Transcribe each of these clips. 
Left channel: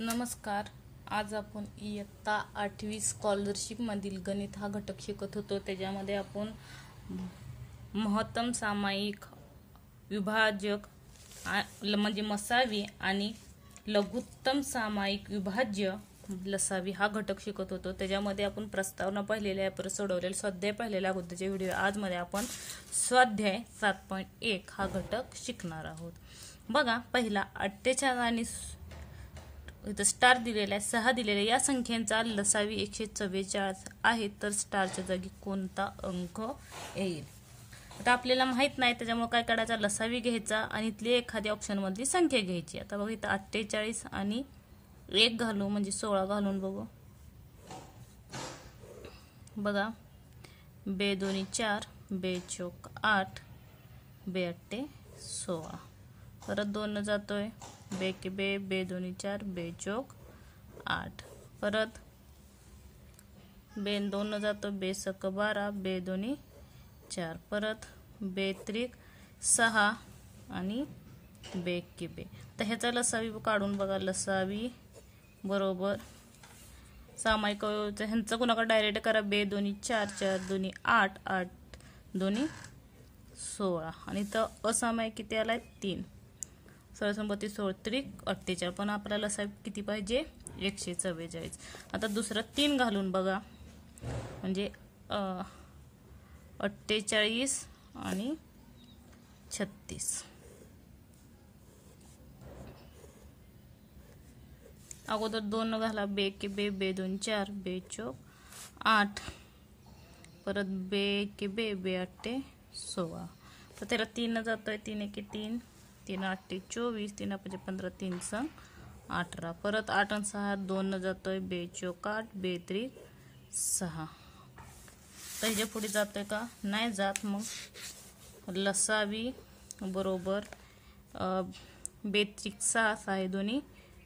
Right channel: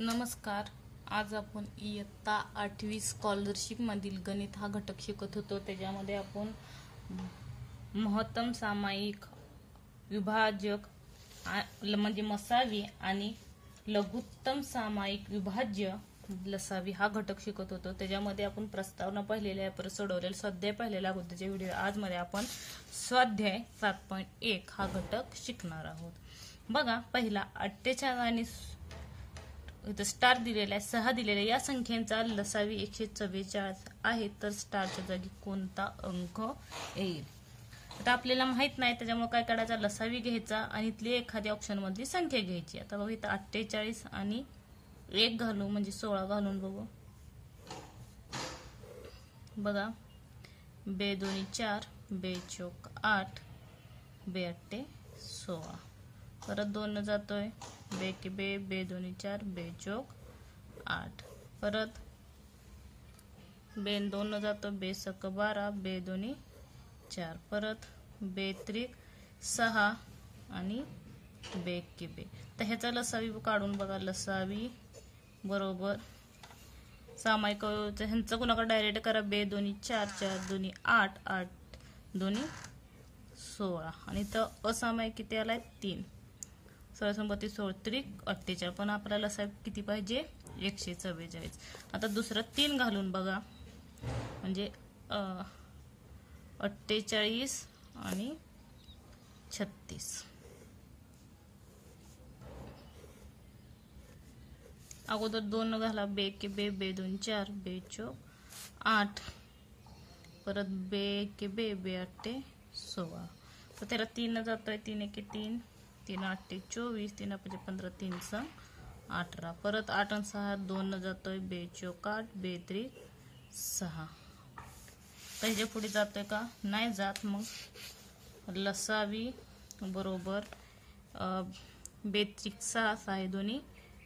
नमस्कार. आज आपण इयत्ता 8वी स्कॉलरशिप मधील गणित हा घटक शिकत होतो. त्याच्यामध्ये आपण महत्तम सामायिक विभाजक म्हणजे मसावी आणि लघुत्तम सामायिक विभाज्य लसावी हा घटक शिकत होतो. त्याच्यामध्ये आपण प्रस्तावना पाहिलेल्या आहे, परत सोडवलेला स्वाध्याय पाहिलेला अगोदरच्या व्हिडिओ. आज मध्ये आपण स्वाध्याय 7.1 हा घटक शिकणार आहोत. बघा, पहिला 48 आणि इथं स्टार दिलेला आहे, 6 दिलेला आहे. या संख्यांचा लसावी 144 आहे, तर स्टारच्या जागी कोणता अंक येईल? आता आपल्याला माहित नाही, त्याच्यामुळे काय करायचा, लसावी घ्यायचा आणि इथली एखाद्या ऑप्शन मधली संख्या घ्यायची. आता बघा, इथं 48 आणि 1 घालू म्हणजे 16 घालून बघू. बघा, बे दोन्ही 4, बे चौक 8, बे अट्टे 16. परत 2 जातोय, बे के बे, बे दोन्ही 4, बे चौक 8. परत बे 2 जातो, बे सक 12, बे दोन्ही 4. परत बे त्रिक 6 आणि बे के बे. तर ह्याचा लसावी काढून बघा. लसावी बरोबर सामायिक ह्यांचा गुणाकार डायरेक्ट करा. बे दोन्ही 4, 4 दोन्ही 8, 8 दोन्ही 16 आणि तर असामायिक किती आलाय 3. 16 16 त्रिक 48. पण आपल्याला लसावी किती पाहिजे, 144. आता दुसरं 3 घालून बघा, म्हणजे 48 आणि 36. अगोदर 2 घाला, बे के बे, बे 2 4, बे चौक 8. परत बे के बे, बे अट्टे 16. तर त्याला 3 जातोय, 3 1 3, 3 8 24, 3 5 15, 3 6 18. परत 8 आणि 6 2 जातोय, बे चौक 8, बे त्रिक 6. तर पुढे जातोय का, नाही जात. मग लसावी बरोबर बे त्रिक 6, 6 दोन्ही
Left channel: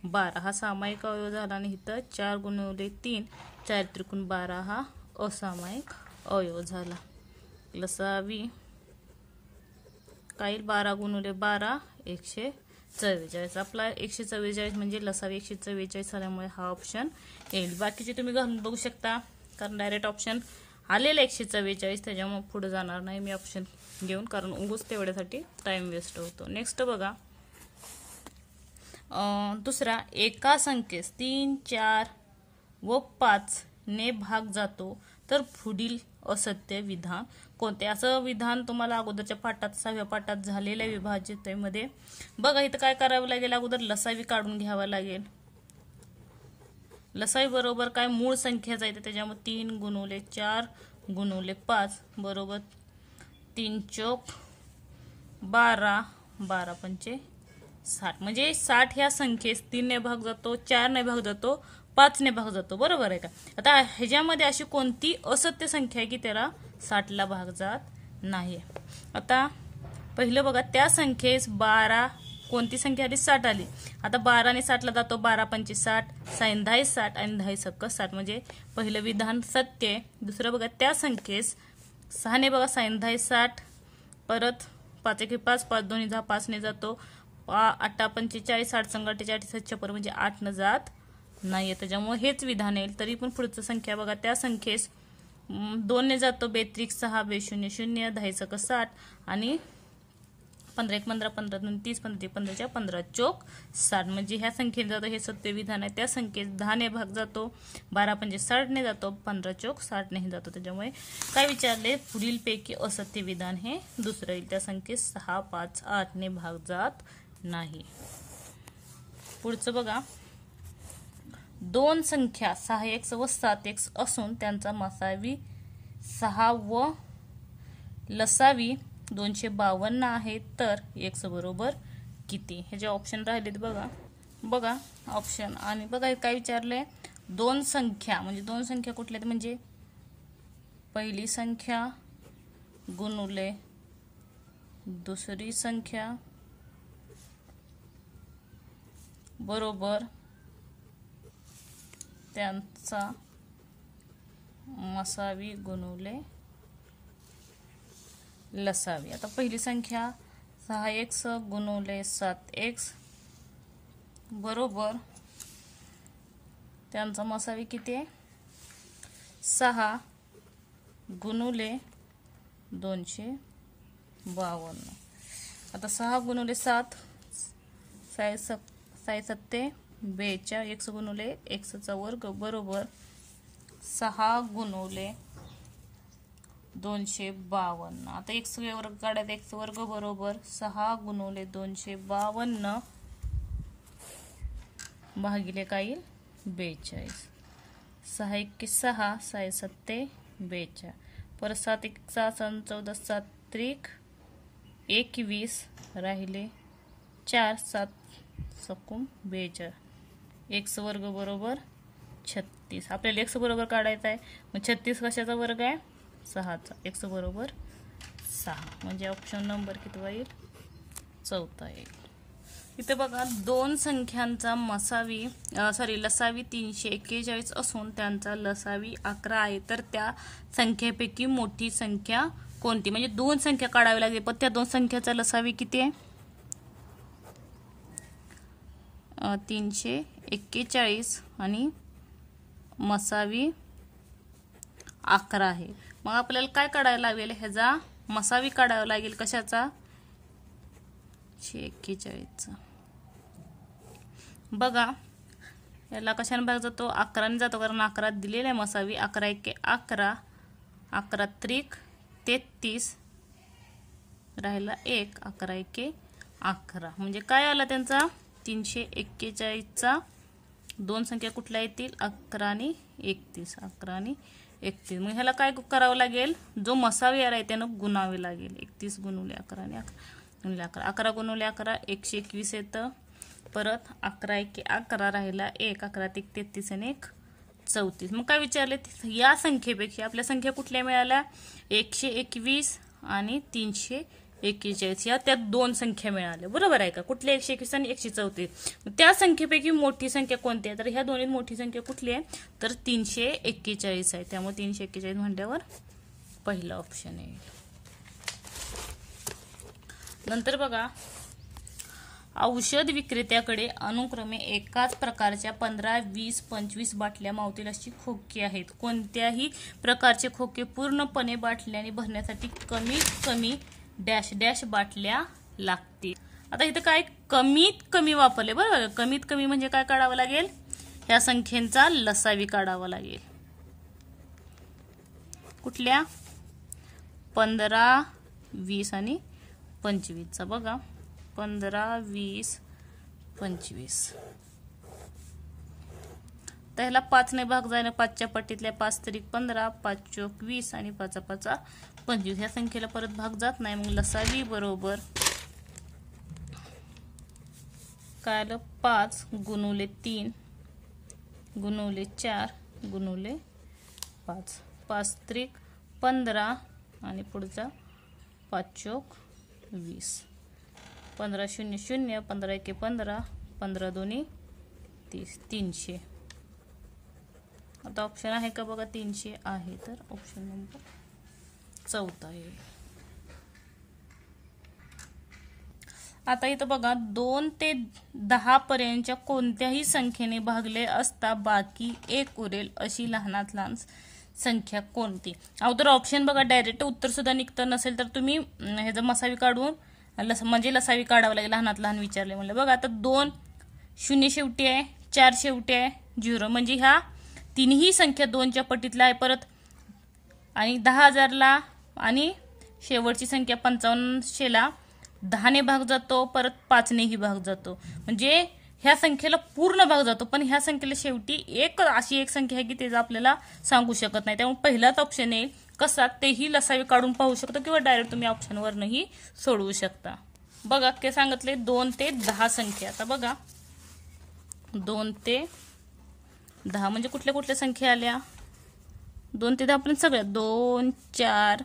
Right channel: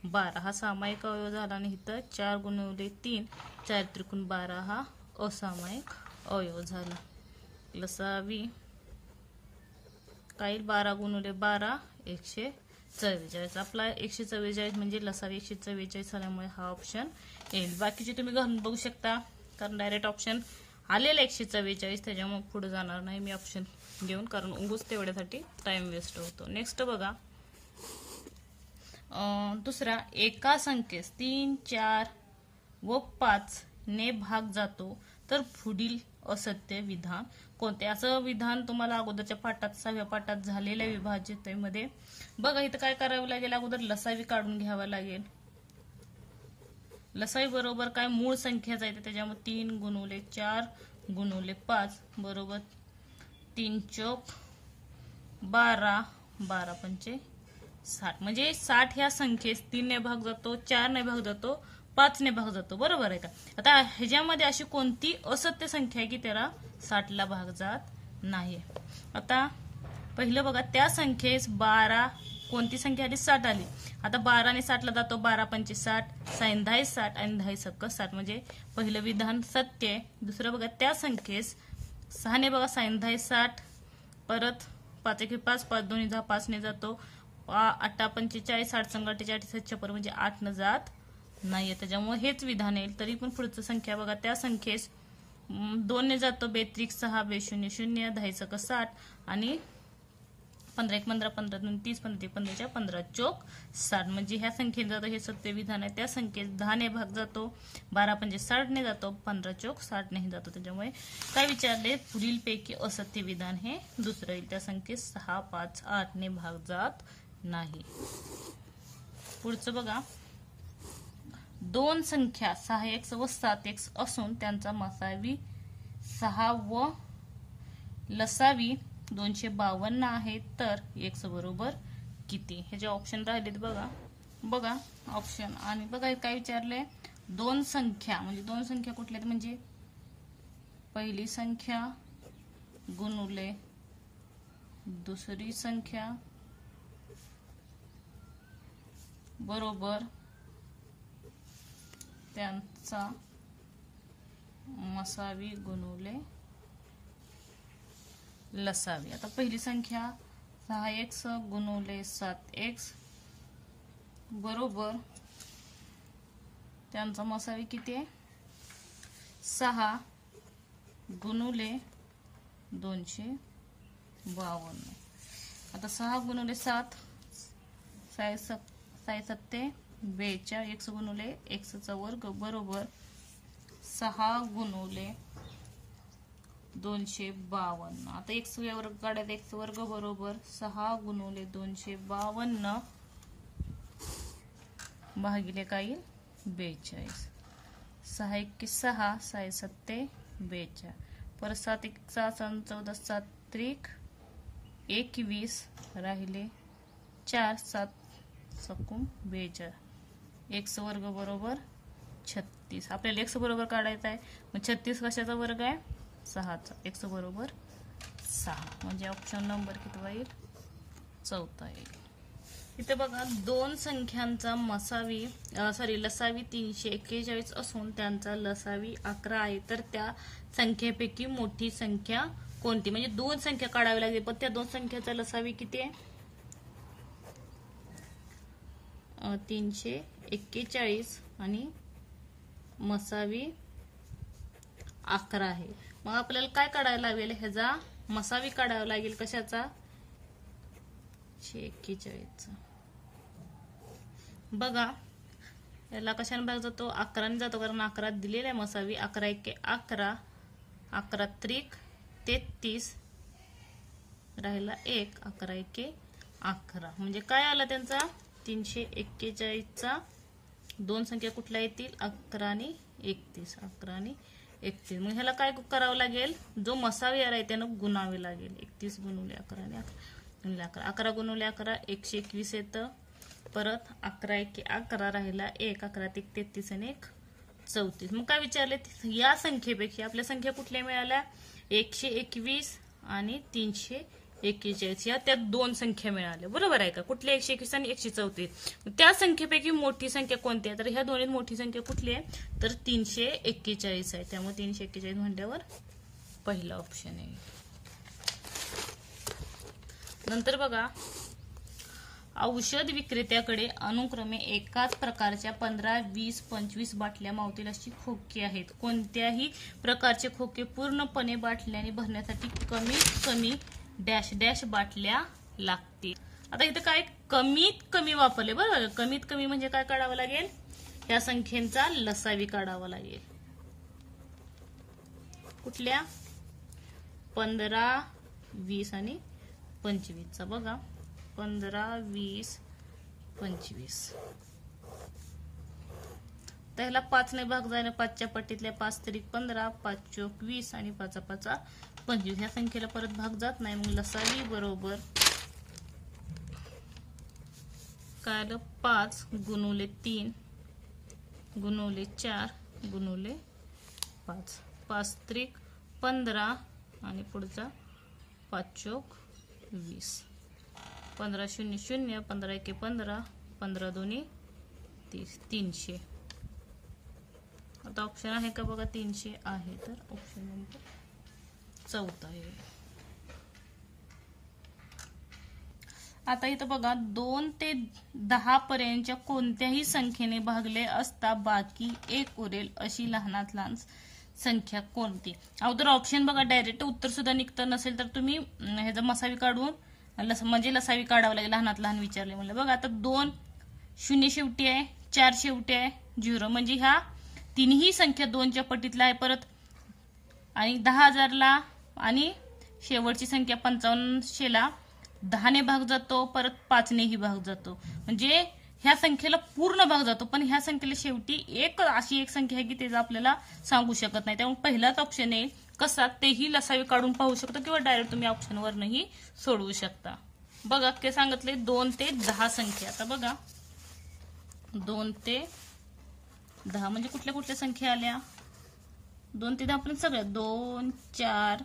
12 हा सामायिक अवयव झाला. आणि इथं 4 गुणिले 3, 4 त्रिकोण 12 हा असामायिक अवयव झाला. लसावी काय, 12 गुणिले 12 144. आपला 144 म्हणजे लसावी 144 आल्यामुळे हा ऑप्शन येईल. बाकीचे तुम्ही घालून बघू शकता, कारण डायरेक्ट ऑप्शन आलेला 144, त्याच्यामुळे पुढे जाणार नाही मी ऑप्शन घेऊन, कारण उगाच तेवढ्यासाठी टाइम वेस्ट होतो. नेक्स्ट बघा, दुसरा, एका संख्येस 3, 4 व 5 ने भाग जातो तर पुढील असत्य विधान कोणते? असं विधान तुम्हाला अगोदरच्या पाठात 6व्या पाठात झालेल्या विभाज्यतेमध्ये. बघा, इथं काय करावं लागेल, अगोदर लसावी काढून घ्यावा लागेल. लसावी बरोबर काय, मूळ संख्याच आहे, त्याच्यामुळे 3 गुणिले 4 गुणिले 5 बरोबर 3 चौक 12, 12 पंचे 60. म्हणजे 60 ह्या संख्येस 3 ने भाग जातो, 4 ने भाग जातो, 5 ने भाग जातो. बरोबर आहे का? आता ह्याच्यामध्ये अशी कोणती असत्य संख्या आहे की त्याला 60 ला भाग जात नाही? आता पहिलं बघा, त्या संख्येस 12 कोणती संख्या आली, 60 आली. आता 12 ने 60 ला जातो, 12 पंचे 60, 6 10 60 आणि 10 सक्क 60. म्हणजे पहिलं विधान सत्य आहे. दुसरं बघा, त्या संख्येस 6 ने बघा 6 10 60, परत 5 1 5, 5 2 10, 5 ने जातो, 8 पंचे 40, 60 संग 48 7 म्हणजे 8 न जात नाहीये, त्याच्यामुळे हेच विधान येईल. तरी पण पुढचं संख्या बघा, त्या संख्येस 2 ने जातो, बे त्रिक 6, बे 0 0, 10 सक 60 आणि 15 1 15, 15 2 30, 15 15 15 चौक 60. म्हणजे ह्या संख्येत जातो, हे सत्य विधान आहे. त्या संख्येत 10 ने भाग जातो, 12 पंचे 60 ने जातो, 15 चौक 60 ने जातो. त्याच्यामुळे काय विचारले, पुढील पैकी असत्य विधान हे दुसरं येईल. त्या संख्येत 6 5 8 ने भाग जात नाही. पुढचं बघा, 2 संख्या 6x व 7x असून त्यांचा मसावी 6 व लसावी 252 आहे, तर x बरोबर किती? ह्याचे ऑप्शन राहिलेत बघा. बघा ऑप्शन, आणि बघा काय विचारले, 2 संख्या म्हणजे 2 संख्या कुठल्या, म्हणजे पहिली संख्या गुणुले दुसरी संख्या बरोबर त्यांचा मसावी गुणुले लसावी. आता पहिली संख्या 6x गुणुले 7x बरोबर त्यांचा मसावी किती आहे 6 गुणुले 252. आता 6 गुणुले 7 6 7 42 x गुणुले x चा वर्ग बरोबर 6 गुणुले 252. आता x वर्ग काढायचा x वर्ग बरोबर 6 गुणुले 252 भागिले काय येईल 42. 6 1 6 6 7 42 परत 7 1 6 14 7 त्रिक 21 राहिले 4 7 सकूम 42 x वर्ग बरोबर 36. आपल्याला x बरोबर काढायचा आहे मग 36 कशाचा वर्ग आहे 6चा x बरोबर 6 म्हणजे ऑप्शन नंबर किती येईल 4था येईल. इथे बघा दोन संख्यांचा लसावी 341 असून त्यांचा लसावी 11 आहे तर त्या संख्येपैकी मोठी संख्या कोणती म्हणजे दोन संख्या काढावी लागेल पण त्या दोन संख्याचा लसावी किती आहे 341 आणि मसावी 11 आहे. मग आपल्याला काय काढायला लागेल ह्याचा मसावी काढावा लागेल कशाचा 41चा. बघा याला कशाने भाग जातो 11 ने जातो कारण 11 दिलेला आहे मसावी 11 1 11 11 त्रिक 33 राहिला 1 11 1 11 म्हणजे काय आला त्यांचा 341चा दोन संख्या कुठल्या येतील 11 आणि 31 11 आणि 31. मग ह्याला काय करावं लागेल जो मसावी आलाय त्यानं गुणावे लागेल 31 गुणुले 11 आणि 11 11 गुणुले 11 121 येतं परत 11 1 11 राहिला 1 11 1 33 आणि 1 34. मग काय विचारले या संख्येपेक्षा आपल्या संख्या कुठल्या मिळाल्या 121 आणि 341 या त्या दोन संख्या मिळाल्या बरोबर आहे का कुठल्या 121 आणि 134. त्या संख्येपैकी मोठी संख्या कोणती आहे तर ह्या दोन्हीत मोठी संख्या कुठली आहे तर 341 आहे त्यामुळे 341 म्हटल्यावर पहिला ऑप्शन आहे. नंतर बघा औषध विक्रेत्याकडे अनुक्रमे एकाच प्रकारच्या 15 20 25 बाटल्या मावतील अशी खोकी आहेत. कोणत्याही प्रकारचे खोके पूर्णपणे बाटल्याने भरण्यासाठी कमीत कमी डॅश डॅश बाटल्या लागतील. आता इथं काय कमीत कमी वापरले बरोबर कमीत कमी म्हणजे काय काढावं लागेल या संख्येचा लसावी काढावा लागेल कुठल्या 15 20 आणि 25 चा. बघा 15 20 25 तर ह्याला 5 ने भाग जायला 5च्या पट्टीतल्या 5 त्रिक 15 5 चोक 20 आणि 5 5 25 ह्या संख्येला परत भाग जात नाही मग लसावी बरोबर काय आलं 5 गुणुले 3 गुणुले 4 गुणुले 5 5 त्रिक 15 आणि पुढचा 5 चोक 20 15 0 0 15 1 15 15 2 30 300. आता ऑप्शन आहे का बघा 300 आहे तर ऑप्शन नंबर 4था आहे. आता इथं बघा 2 ते 10 पर्यंतच्या कोणत्याही संख्येने भागले असता बाकी 1 उरेल अशी लहानात लहान संख्या कोणती. अगोदर ऑप्शन बघा डायरेक्ट उत्तर सुद्धा निघतं नसेल तर तुम्ही ह्याचा मसावी काढून म्हणजे लसावी काढावं लागेल लहानात लहान विचारले म्हणलं. बघा आता 2 0 शेवटी आहे 4 शेवटी आहे 0 म्हणजे ह्या तिन्ही संख्या 2च्या पटीतल्या आहे परत आणि 10,000ला आणि शेवटची संख्या 5500ला 10 ने भाग जातो परत 5 नेही भाग जातो म्हणजे ह्या संख्येला पूर्ण भाग जातो पण ह्या संख्येला शेवटी एक अशी एक संख्या आहे की ते आपल्याला सांगू शकत नाही त्यामुळे पहिलाच ऑप्शन आहे कसा तेही लसावी काढून पाहू शकतो किंवा डायरेक्ट तुम्ही ऑप्शनवरही सोडवू शकता. बघा ते सांगितले 2 ते 10 संख्या. आता बघा 2 ते 10 म्हणजे कुठल्या कुठल्या संख्या आल्या 2 ते 10 पर्यंत सगळ्या 2 4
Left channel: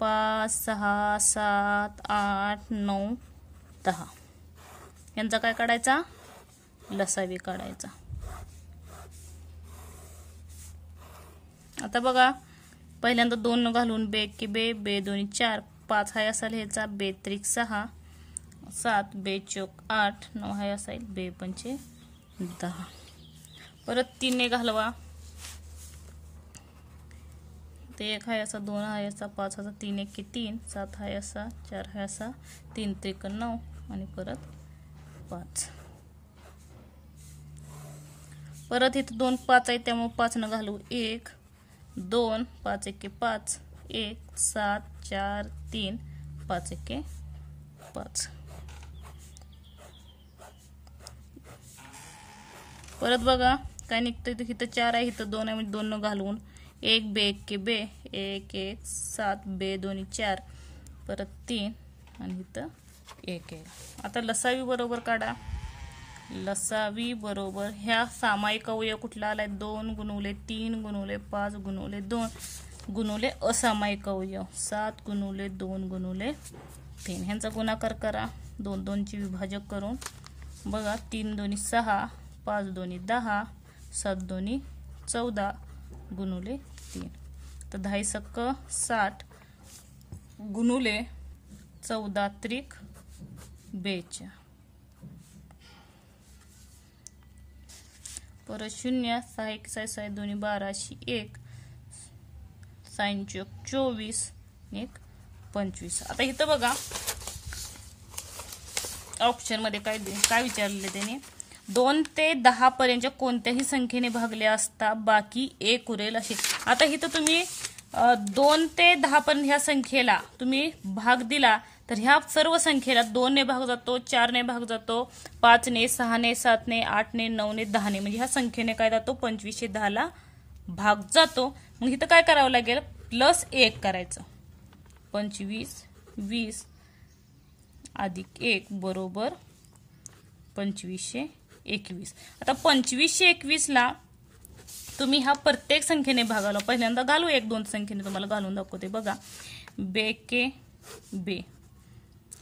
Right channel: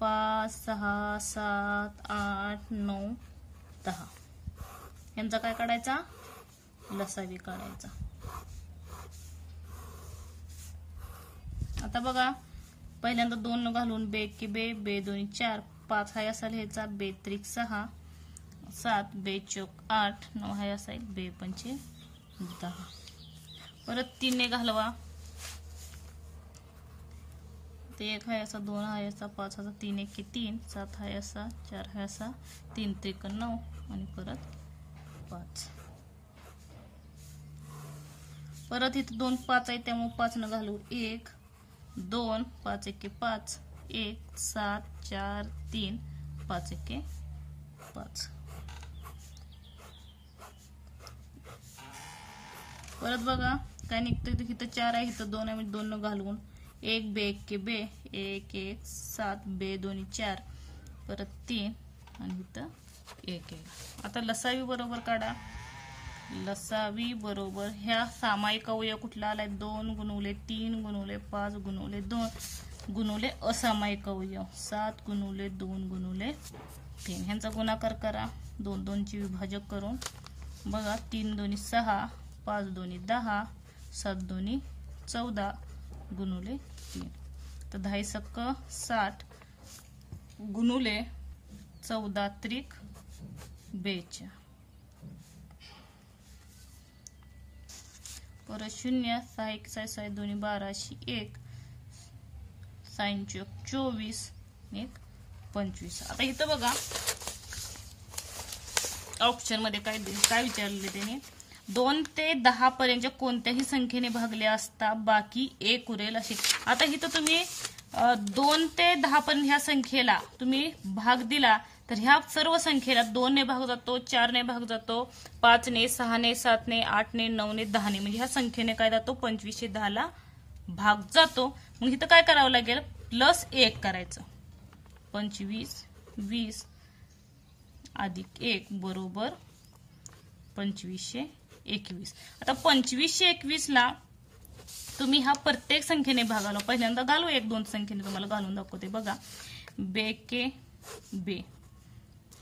5 6 7 8 9 10 यांचा काय काढायचा लसावी काढायचा. आता बघा पहिल्यांदा 2 घालून बे की बे बे 2 4 5 हाय असा लिहायचा बे त्रिक 6 7 बे चोक 8 9 हाय असा बे पंचे 10 परत 3 ने घालवा, ते 1 आहे असा, 2 आहे असा, 5 असा, 3 1 3, 7 आहे असा, 4 आहे असा, 3 त्रिक 9 आणि परत 5. परत इथं 2 5 आहे त्यामुळे 5 न घालू, 1 2, 5 1 5, 1 7 4 3, 5 1 5. परत बघा काय निघतं, इथं 4 आहे, इथं 2 आहे, म्हणजे 2 न घालून 1 बे 1 बे, 1 1 7 बे 2 4, परत 3 आणि इथं 1 आहे. आता लसावी बरोबर काढा. लसावी बरोबर ह्या सामायिक अवयव कुठला आलाय, 2 गुणुले 3 गुणुले 5 गुणुले 2 गुणुले असामायिक अवयव 7 गुणुले 2 गुणुले 3. ह्यांचा गुणाकार करा 2 2 ची विभाजक करून. बघा 3 2 6, 5 2 10, 7 2 14 गुणुले 3. तर 10 सक्क 60 गुणुले 14 त्रिक 42. परत 0 6 1 6 6 2 12 1 साइन चौक 24 1 25. आता इथं बघा ऑप्शन मध्ये काय विचारले त्याने, 2 ते 10 पर्यंत कोणत्याही संख्येने भागले असता बाकी 1 उरेल असे. आता इथं तुम्ही 2 ते 10 पर्यंत ह्या संख्येला तुम्ही भाग दिला तर ह्या सर्व संख्येला 2 ने भाग जातो, 4 ने भाग जातो, 5 ने, 6 ने, 7 ने, 8 ने, 9 ने, 10 ने, म्हणजे ह्या संख्येने काय जातो 2510 ला भाग जातो. मग इथं काय करावं लागेल, प्लस 1 करायचं. 25 20 अधिक 1 बरोबर 2521. आता 2521 ला तुम्ही ह्या प्रत्येक संख्येने भागाला, पहिल्यांदा घालू 1 2 संख्येने, तुम्हाला घालून दाखवते बघा. बे के बे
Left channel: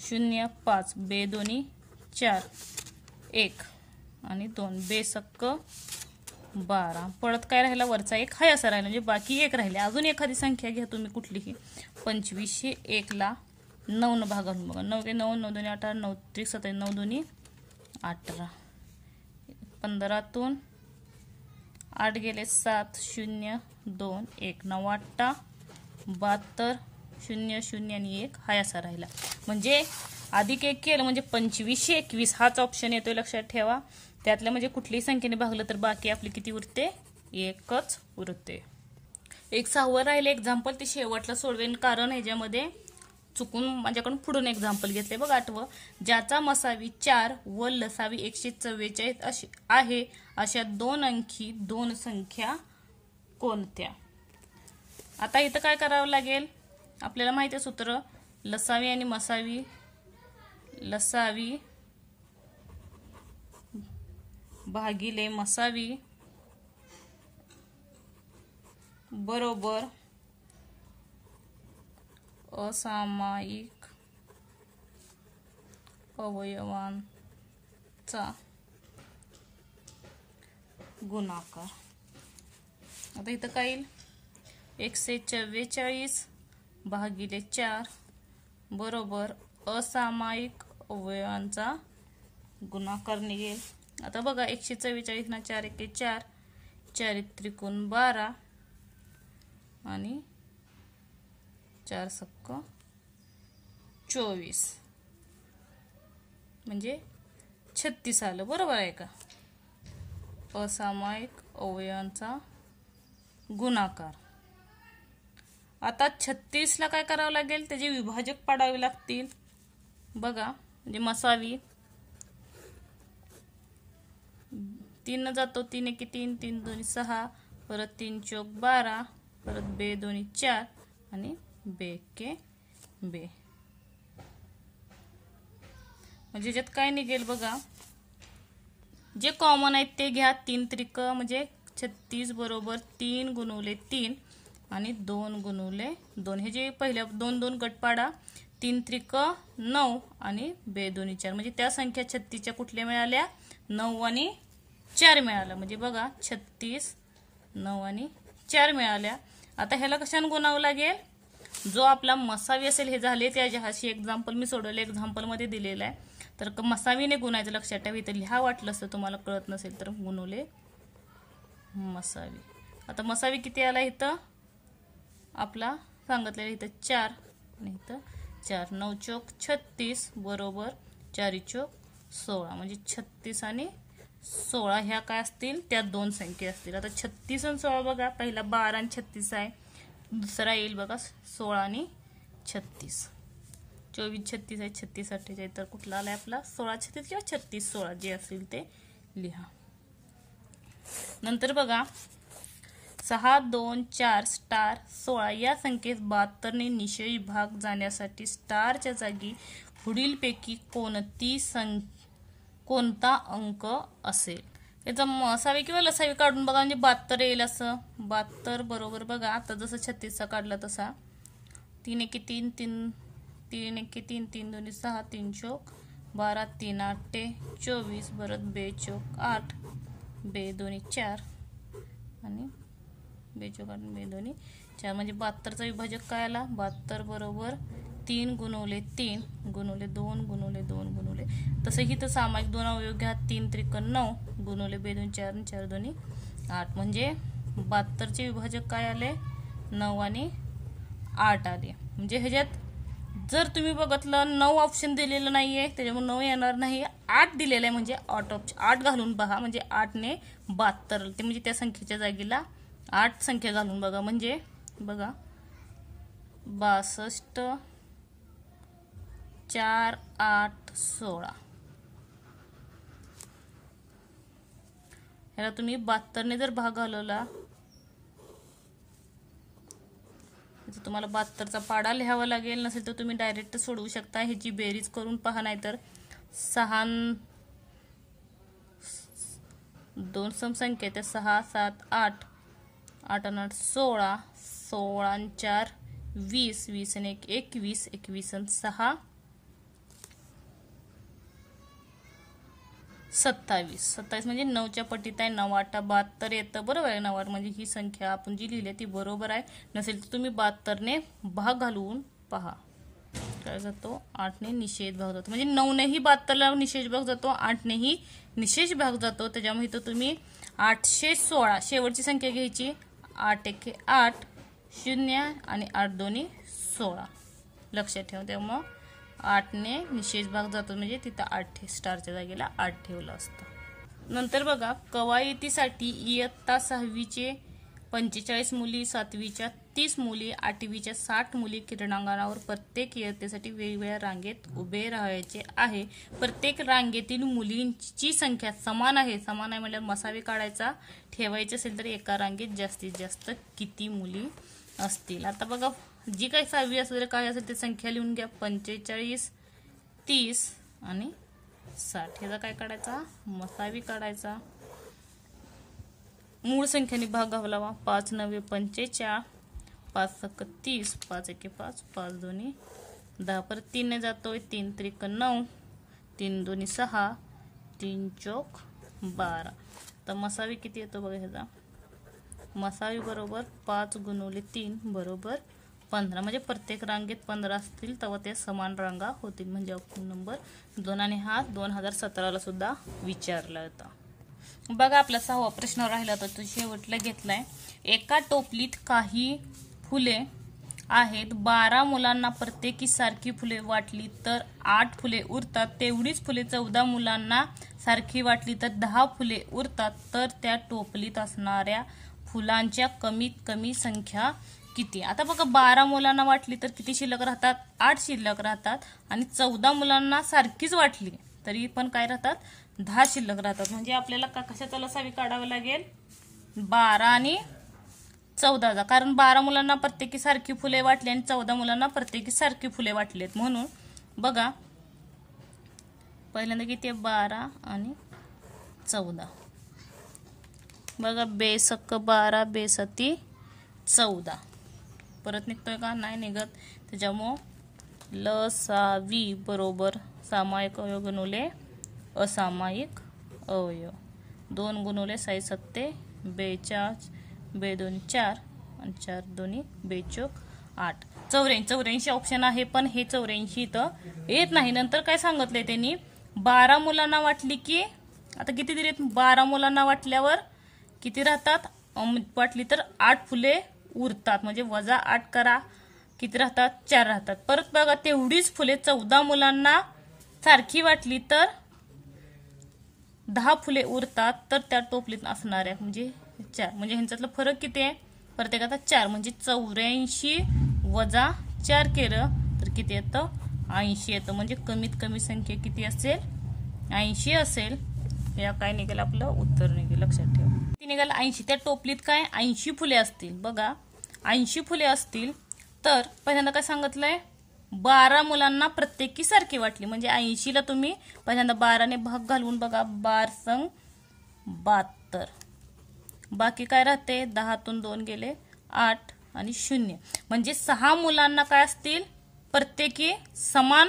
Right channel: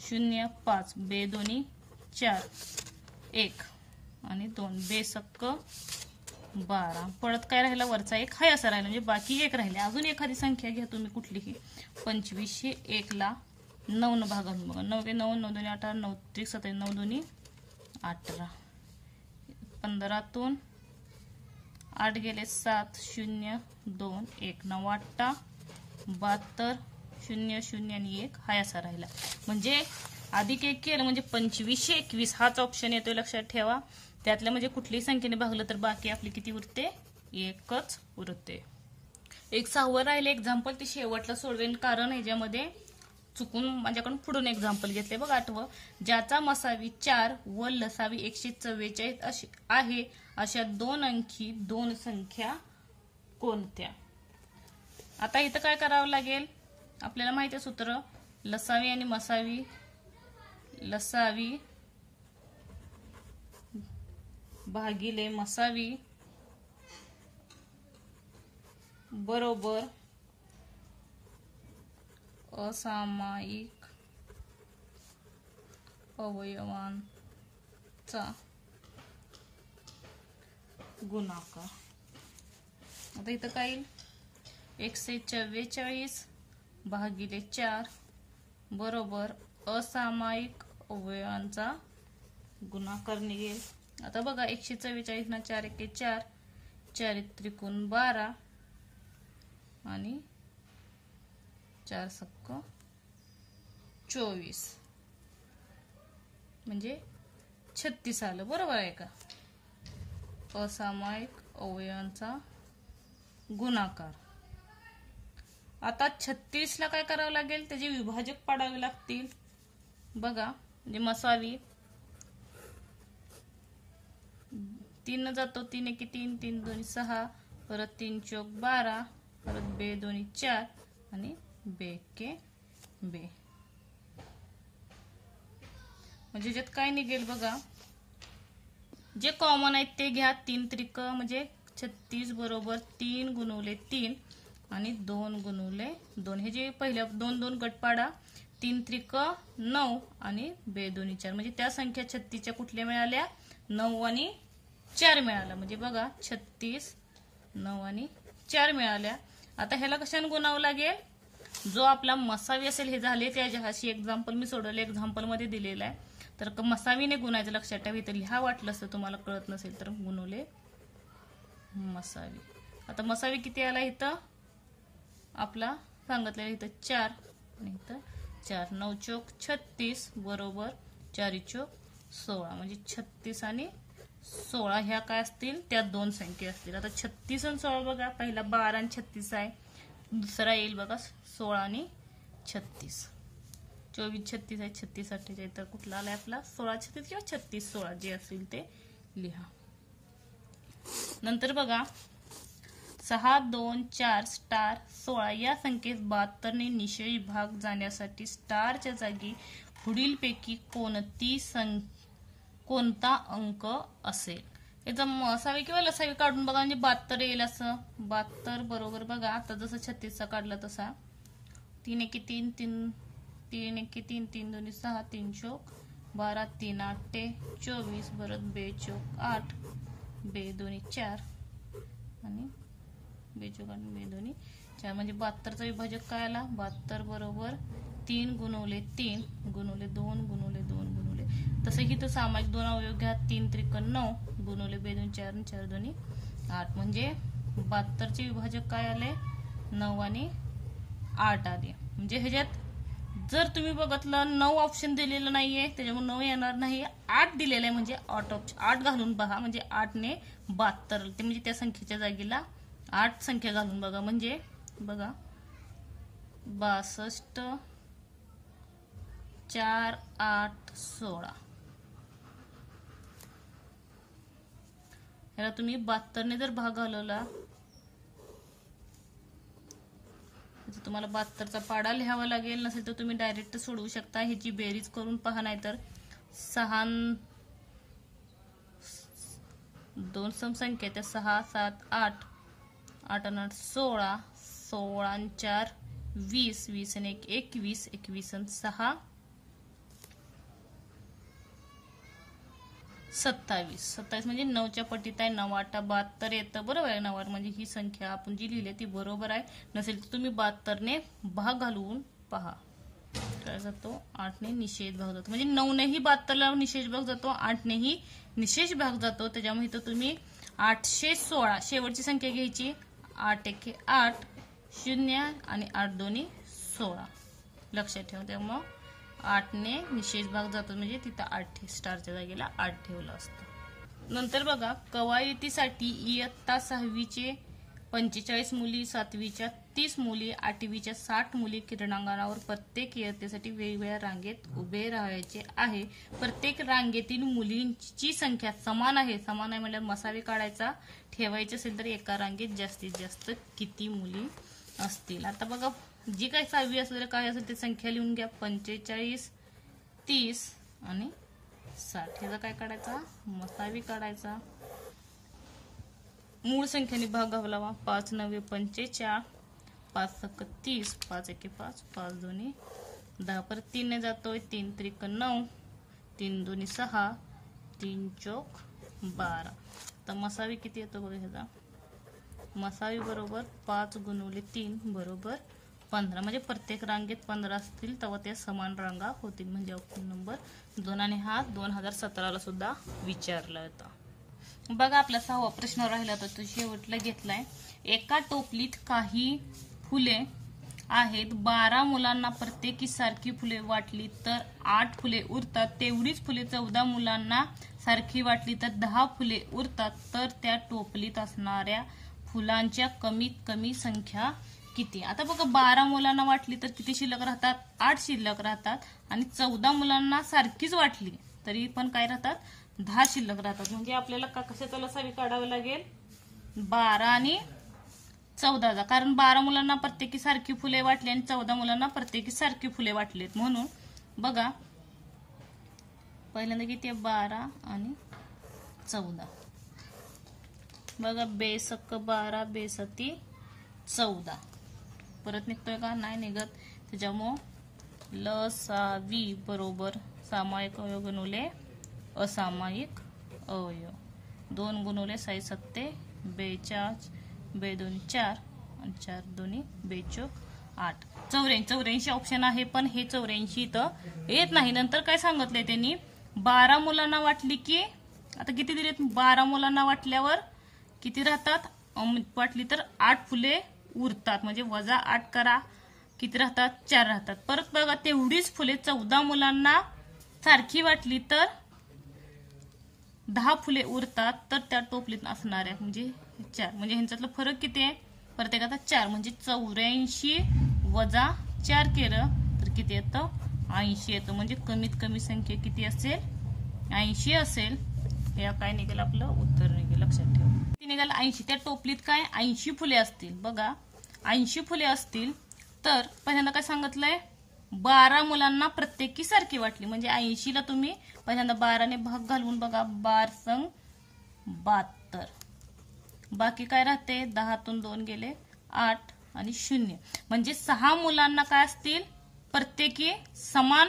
0 5 बे 2 4 1 आणि 2 बे सक्क 12. परत काय राहिला, वरचा 1 हाय असा राहिला, म्हणजे बाकी 1 राहिले. अजून एखादी संख्या घ्या तुम्ही कुठलीही. 2501 ला 9 न भागावून बघा. 9 के 9 9 2 18 9 त्रिक 27 9 2 18. 15 तून 8 गेले 7 0 2 1 9 8 72 0 0 आणि 1 हाय असा राहिला. म्हणजे अधिक 1 केलं म्हणजे 2521 हाच ऑप्शन येतोय, लक्षात ठेवा. त्यातल्या म्हणजे कुठलीही संख्येने भागलं तर बाकी आपली किती उरते, 1च उरते. एक 6वं राहिले एक्झाम्पल, ते शेवटला सोडवेन कारण ह्याच्यामध्ये चुकून माझ्याकडून पुढून एक्झाम्पल घेतले बघ. 8वं, ज्याचा मसावी 4 व लसावी 144 अशी आहे अशा 2 अंकी 2 संख्या कोणत्या. आता इथं काय करावं लागेल, आपल्याला माहिती आहे सूत्र, लसावी आणि मसावी. लसावी भागिले मसावी बरोबर असामायिक अवयवांचा गुणाकार. आता इथं काय येईल, 144 भागिले 4 बरोबर असामायिक अवयवांचा गुणाकार निघेल. आता बघा 144 ना 4 1 4, 4 त्रिकोण 12 आणि 4 सक्क 24 म्हणजे 36 आलं. बरोबर आहे का. असामायिक अवयवांचा गुणाकार. आता 36 ला काय करावं लागेल, त्याचे विभाजक पाडावे लागतील. बघा म्हणजे मसावी 3 न जातो, 3 1 3 3 2 6, परत 3 चौक 12, परत बे 2 4 आणि बे के बे. म्हणजे ज्यात काय निघेल बघा, जे कॉमन आहेत ते घ्या. 3 त्रिक म्हणजे 36 बरोबर 3 गुणुले 3 आणि 2 गुणुले 2. हे जे पहिल्या 2 2 गट पाडा. 3 त्रिक 9 आणि बे 2 4, म्हणजे त्या संख्या 36च्या कुठल्या मिळाल्या, 9 आणि 4 मिळाल्या. म्हणजे बघा 36 9 आणि 4 मिळाल्या. आता ह्याला कशाने गुणावं लागेल, जो आपला मसावी असेल हे झाले त्याच्या हाशी एक्झाम्पल मी सोडवले, एक्झाम्पल मध्ये दिलेला आहे. तर मसावीने गुणायचं, लक्षात ठेवा. इथं लिहा वाटलं असतं तुम्हाला कळत नसेल तर, गुणुले मसावी. आता मसावी किती आला इथं आपला सांगितलेलं इथं 4 आणि इथं 4. 9 चौक 36 बरोबर 4 चौक 16 म्हणजे 36 आणि 16 ह्या काय असतील त्या दोन संख्या असतील. आता 36 आणि 16 बघा, पहिला 12 आणि 36 आहे, दुसरा येईल बघा 16 आणि 36. 24 36 आहे, 36 48 तर कुठला आलाय आपला 16 36 किंवा 36 16 जे असेल ते लिहा. नंतर बघा 6 2 4 स्टार 16 या संख्येस 72 ने निशेष भाग जाण्यासाठी स्टारच्या जागी पुढीलपैकी कोणता अंक असेल. याचा मसावी किंवा लसावी काढून बघा म्हणजे 72 येईल असं. 72 बरोबर बघा आता जसं 36 काढला तसा 3 1 3 3 3 1 3 3 2 6 3 चौक 12 3 8 24 परत 2 चौक 8 2 2 4 आणि 2 चौक 8 2 2 4 म्हणजे 72चा विभाजक काय आला. 72 बरोबर 3 गुणवले 3 गुणवले 2 गुणवले 2 गुणवले तसं तर सामाजिक 2 अवयव घ्या 3 त्रिक 9 गुणवले 2 2 4 4 2 8 म्हणजे 72चे विभाजक काय आले 9 आणि 8 आले. म्हणजे ह्याच्यात जर तुम्ही बघितलं 9 ऑप्शन दिलेलं नाहीये त्याच्यामुळे 9 येणार नाही. 8 दिलेलं आहे म्हणजे 8 घालून बघा म्हणजे 8 ने 72 ते म्हणजे त्या संख्येच्या जागेला 8 संख्या घालून बघा म्हणजे बघा 62 4 8 16 ह्याला तुम्ही 72 ने जर भाग घालवला तुम्हाला 72चा पाडा लिहावा लागेल. नसेल तर तुम्ही डायरेक्ट सोडवू शकता. ह्याची बेरीज करून पहा. नाहीतर 6 2 समसंख्या त्या 6 7 8 8 आणि 8 16 16 आणि 4 20 20 आणि 1 21 21 आणि 6 27 27 म्हणजे 9च्या पटीत आहे. 9 8 72 येतं बरोबर आहे. 9 8 म्हणजे ही संख्या आपण जी लिहिली ती बरोबर आहे. नसेल तर तुम्ही 72 ने भाग घालवून पहा काय जातो 8 ने निषेध भाग जातो म्हणजे 9 नेही 72 ला निषेध भाग जातो 8 नेही निषेध भाग जातो. त्याच्यामुळे इथं तुम्ही 816 शेवटची संख्या घ्यायची 8 1 8 0 आणि 8 2 16 लक्षात ठेवा. त्यामुळे 8 ने निषेध भाग जातो म्हणजे तिथं 8 स्टारच्या जागेला 8 ठेवलं असतं. नंतर बघा कवायतीसाठी इयत्ता 6वीचे 45 मुली 7वीच्या 30 मुली 8वीच्या 60 मुली क्रीडांगणावर प्रत्येक इयत्तेसाठी वेगवेगळ्या रांगेत उभे राहायचे आहे. प्रत्येक रांगेतील मुलींची संख्या समान आहे. समान आहे म्हणजे मसावी काढायचा. ठेवायचे असेल तर एका रांगेत जास्तीत जास्त किती मुली असतील. आता बघा जी काही 6वी असेल काय असेल ते संख्या लिहून घ्या 45 30 आणि 60 ह्याचा काय काढायचा मसावी काढायचा. मूळ संख्येने भाग घालावा 5 9 45 5 7 30 5 1 5 5 2 10 परत 3 ने जातोय 3 त्रिक 9 3 2 6 3 चौक 12. तर मसावी किती येतो बघा ह्याचा मसावी बरोबर 5 गुणवले 3 बरोबर 15 म्हणजे प्रत्येक रांगेत 15 असतील तेव्हा ते समान रांगा होतील म्हणजे ऑप्शन नंबर 2 आणि हा 2017 ला सुद्धा विचारला होता. बघा आपला 6वा प्रश्न राहिला तर तो शेवटला घेतलाय. एका टोपलीत काही फुले आहेत 12 मुलांना प्रत्येकी सारखी फुले वाटली तर 8 फुले उरतात. तेवढीच फुले 14 मुलांना सारखी वाटली तर 10 फुले उरतात. तर त्या टोपलीत असणाऱ्या फुलांच्या कमीत कमी संख्या किती. आता बघा 12 मुलांना वाटली तर किती शिल्लक राहतात 8 शिल्लक राहतात आणि 14 मुलांना सारखीच वाटली तरी पण काय राहतात 10 शिल्लक राहतात. म्हणजे आपल्याला कशाचा लसावी काढावं लागेल 12 आणि 14चा. कारण 12 मुलांना प्रत्येकी सारखी फुले वाटली आणि 14 मुलांना प्रत्येकी सारखी फुले वाटलीत. म्हणून बघा पहिल्यांदा किती 12 आणि 14 बघा 2 × 12 2 × 14 परत निघतोय का नाही निघत. त्याच्यामुळं लसावी बरोबर सामायिक अवयव गुणवले असामायिक अवयव 2 गुणवले 6 7 42 2 2 4 आणि 4 2 2 चौक 8 84 ऑप्शन आहे पण हे 84 इथं येत नाही. नंतर काय सांगितलंय त्यांनी 12 मुलांना वाटली की आता किती दिलेत 12 मुलांना वाटल्यावर किती राहतात वाटली तर 8 फुले उरतात, म्हणजे वजा 8 करा, किती राहतात 4 राहतात. परत बघा तेवढीच फुले 14 मुलांना सारखी वाटली तर 10 फुले उरतात, तर त्या टोपलीत असणाऱ्या म्हणजे 4, म्हणजे ह्यांच्यातला फरक किती आहे प्रत्येकाचा 4, म्हणजे 84 वजा 4 केलं तर किती येतं 80 येतं. म्हणजे कमीत कमी संख्या किती असेल 80 असेल. या काय निघेल आपलं उत्तर निघेल, लक्षात ठेवा. किती निघाल 80. त्या टोपलीत काय 80 फुले असतील. बघा 80 फुले असतील तर पहिल्यांदा काय सांगितलंय 12 मुलांना प्रत्येकी सारखी वाटली, म्हणजे 80 ला तुम्ही पहिल्यांदा 12 ने भाग घालून बघा 12 संग 72. बाकी काय राहते 10 तून 2 गेले 8 आणि 0, म्हणजे 6 मुलांना काय असतील प्रत्येकी समान,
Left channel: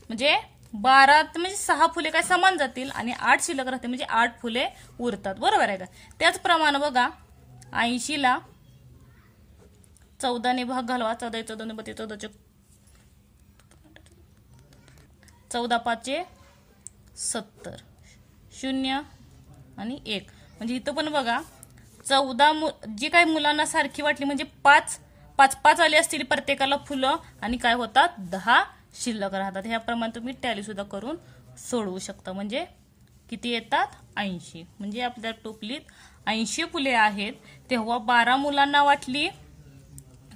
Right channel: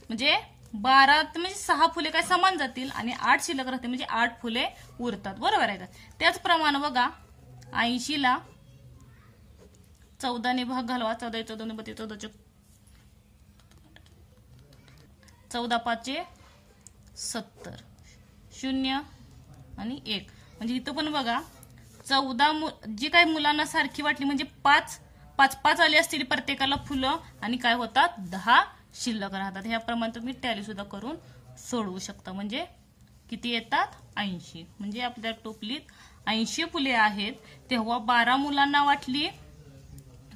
म्हणजे 12 म्हणजे 6 फुले काय समान जातील आणि 8 शिल्लक राहते, म्हणजे 8 फुले उरतात. बरोबर आहे का. त्याचप्रमाणे बघा 80 ला 14 ने भाग घालवा, 14 14 ने 32, 14 14 5 70, 0 आणि 1, म्हणजे इथं पण बघा 14 जी काही मुलांना सारखी वाटली म्हणजे 5 आली असतील प्रत्येकाला फुलं आणि काय होतात 10 शिल्लक राहतात. ह्याप्रमाणे तुम्ही टॅली सुद्धा करून सोडवू शकता. म्हणजे किती येतात 80, म्हणजे आपल्या टोपलीत 80 फुले आहेत. तेव्हा 12 मुलांना वाटली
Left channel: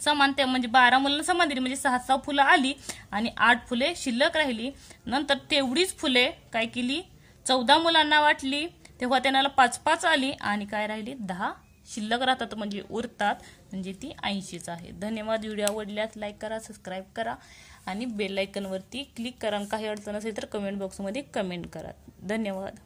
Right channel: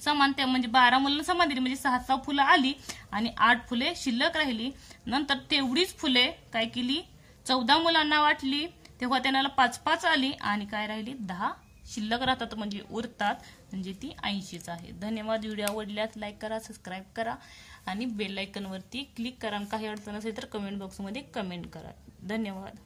समान, म्हणजे 12 मुलांना समान दिली, म्हणजे 6 फुलं आली आणि 8 फुले शिल्लक राहिली. नंतर तेवढीच फुले काय केली 14 मुलांना वाटली, तेव्हा त्यांना 5 आली आणि काय राहिली 10 शिल्लक राहतात, म्हणजे उरतात, म्हणजे ती 80च आहे. धन्यवाद. व्हिडिओ आवडल्यास लाईक करा, सबस्क्राईब करा आणि बेल आयकॉन वरती क्लिक करा. काही अडचण असेल तर कमेंट बॉक्समध्ये कमेंट करा. धन्यवाद.